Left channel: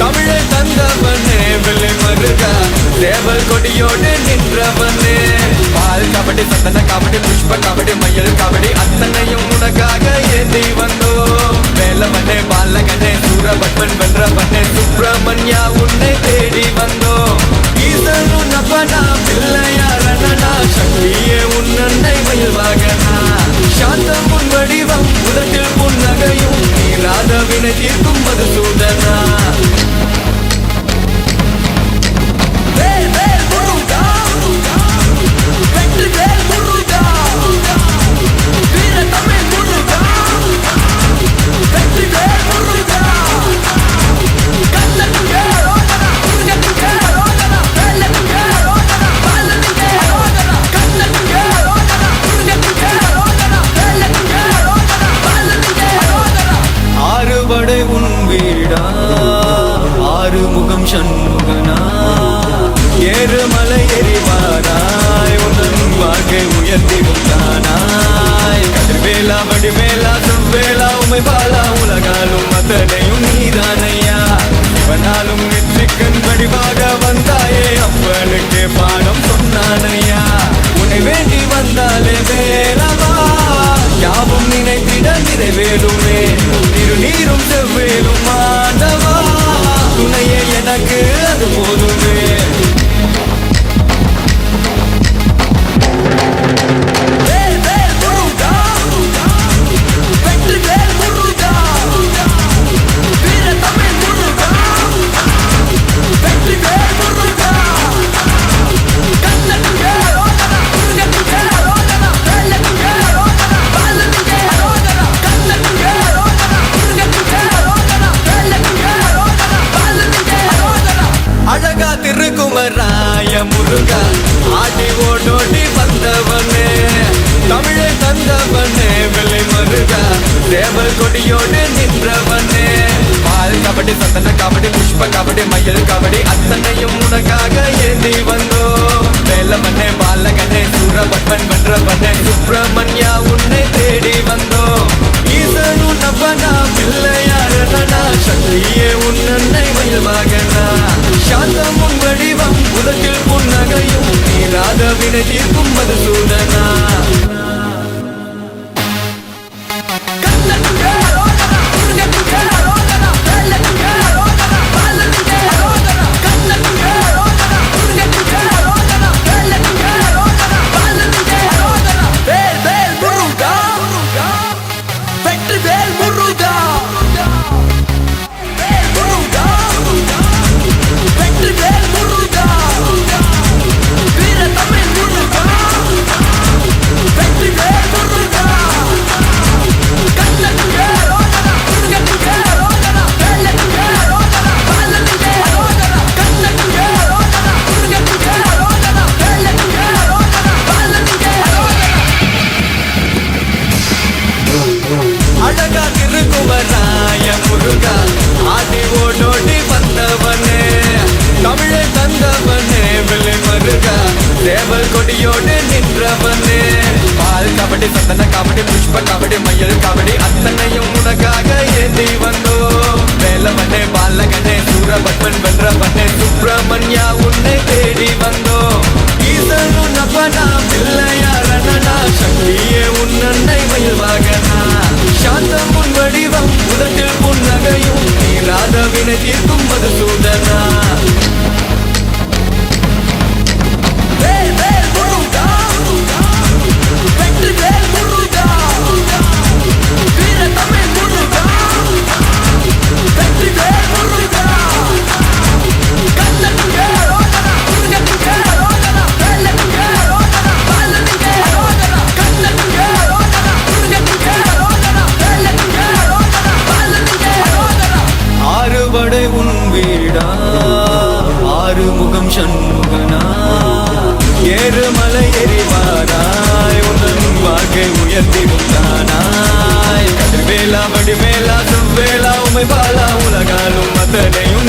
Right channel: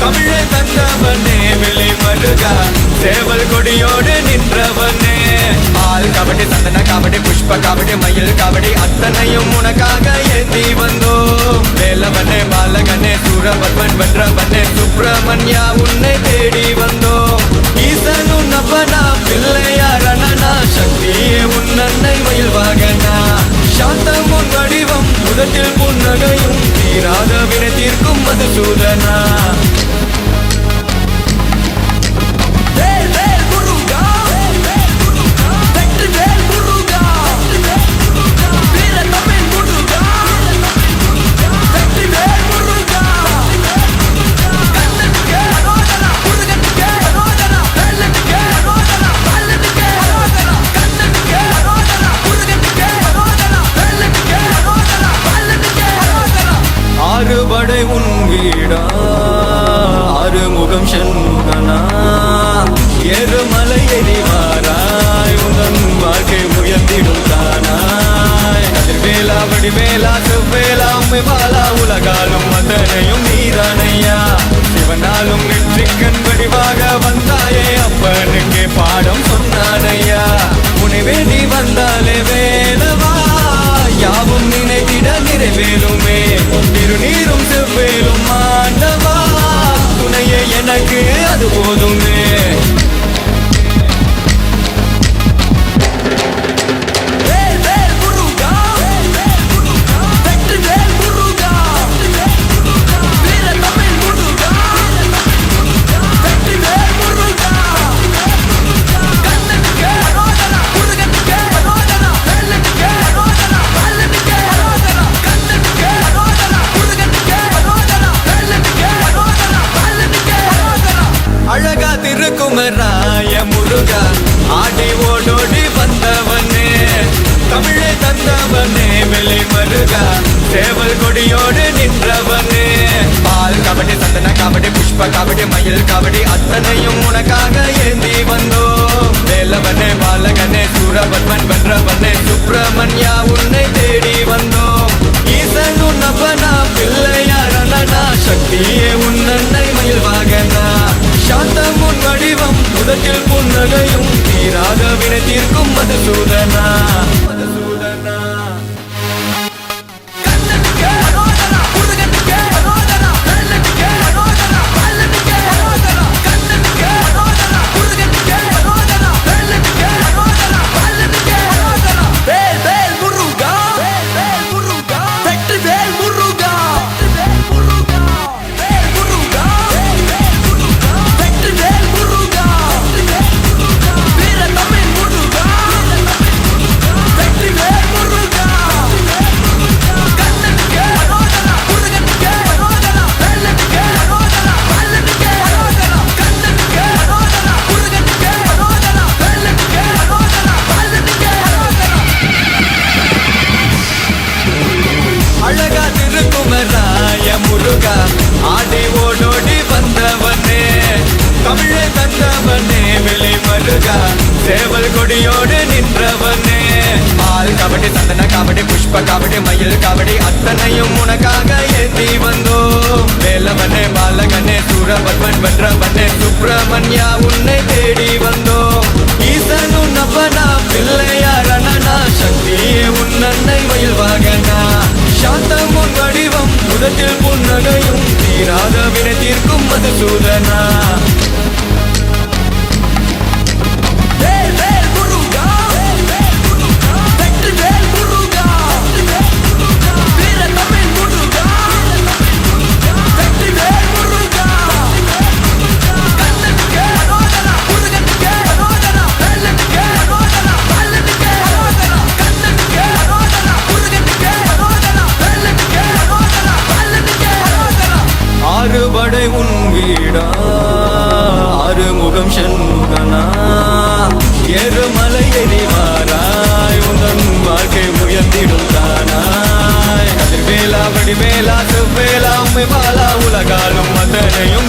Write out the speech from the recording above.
தமிழை தந்தவனே விலை மருகா சேவல் கொடியோடு நின்றவனே பால் காவடி சந்தன காவடி புஷ்ப காவடி மயில் காவடி அத்தனையும் உனக்காக ஏந்தி வந்தோம் வேலவனே பாலகனே சூரபத்மன் வென்றவனே சுப்பிரமணியா உன்னை தேடி வந்தோம் ஈசன் உன் அப்பனா பிள்ளையாரணனா சக்தியே உன் அன்னை மயில் வாகனா சாந்தம் உன் வடிவம் உதட்டில் புன்னகையும் தீராத வினை தீர்க்கும் மதுசூதனா வேல் வேல் முருகா வெற்றி வேல் முருகா வீர தமிழ் முருகா வெற்றி வேல் முருகா கண்ணனுக்கே முருகனுக்கே வேலனுக்கே பாலனுக்கே கண்ணனுக்கே முருகனுக்கே வேலனுக்கே பாலனுக்கே ஆறுபடை உன் வீடா ஆறுமுகம் சண்முகனா ஏறுமலை எரிவாராய் உந்தன் வாழ்க்கை உயர்த்திடும் தானாய் கதிர்வேலா வடிவேலா செவ்வேலா உமை பாலா உலகாலும் அத்தனையும் நீதானையா இவனாலும் நெற்றிக்கண் வடிவாக வந்தாயே அப்பனுக்கு பாடம் சொன்னானையா உன்னை வேண்டி வந்தாலே வேலவா யாவும் நினைத்திட நிறைவேறுமே திருநீரும் செவ்வேலும் ஆண்டவா துணையே எனக்கு அது போதுமே வேல் வேல் முருகா வெற்றி வேல் முருகா வீர தமிழ் முருகா வெற்றி வேல் முருகா கண்ணனுக்கே முருகனுக்கே வேலனுக்கே பாலனுக்கே கண்ணனுக்கே முருகனுக்கே வேலனுக்கே பாலனுக்கே அழகா திருக்குமராய முருகா ஆடி ஓடோடி வந்தவனே தமிழை தந்தவனே விலை மருகா சேவல் கொடியோடு நின்றவனே பால் காவடி சந்தன காவடி புஷ்ப காவடி மயில் காவடி அத்தனையும் உனக்காக ஏந்தி வந்தோம் வேலவனே பாலகனே சூரபத்மன் வென்றவனே சுப்பிரமணியா உன்னை தேடி வந்தோம் ஈசன் உன் அப்பனா பிள்ளையாரணனா சக்தியே உன் அன்னை மயில் வாகனா சாந்தம் உன் வடிவம் உதட்டில் புன்னகையும் தீராத வினை தீர்க்கும் மதுசூதனா வேல் வேல் முருகா வெற்றி வேல் முருகா வேல் முருகா வெற்றி வேல் முருகா வீர தமிழ் முருகா வெற்றி வேல் முருகா கண்ணனுக்கே முருகனுக்கே வேலனுக்கே பாலனுக்கே கண்ணனுக்கே முருகனுக்கே வேலனுக்கே பாலனுக்கே அழகா திருக்குமராய முருகா ஆடி ஓடோடி வந்தவனே தமிழை தந்தவனே விலை மருகா சேவல் கொடியோடு நின்றவனே பால் காவடி சந்தன காவடி புஷ்ப காவடி மயில் காவடி அத்தனையும் உனக்காக ஏந்தி வந்தோம் வேலவனே பாலகனே சூரபத்மன் வென்றவனே சுப்பிரமணியா உன்னை தேடி வந்தோம் ஈசன் உன் அப்பனா பிள்ளையாரணனா சக்தியே உன் அன்னை மயில் வாகனா சாந்தம் உன் வடிவம் உதட்டில் புன்னகையும் தீராத வினை தீர்க்கும் மதுசூதனா வேல் வேல் முருகா வெற்றி வேல் முருகா வீர தமிழ் முருகா வெற்றி வேல் முருகா கண்ணனுக்கே முருகனுக்கே வேலனுக்கே பாலனுக்கே கண்ணனுக்கே முருகனுக்கே வேலனுக்கே பாலனுக்கே ஆறுபடை உன் வீடா ஆறுமுகம் சண்முகனா ஏறுமலை எரிவாராய் உந்தன் வாழ்க்கை உயர்த்திடும் தானாய் கதிர்வேலா வடிவேலா செவ்வேலா உமை பாலா உலகாலும் அத்தனையும்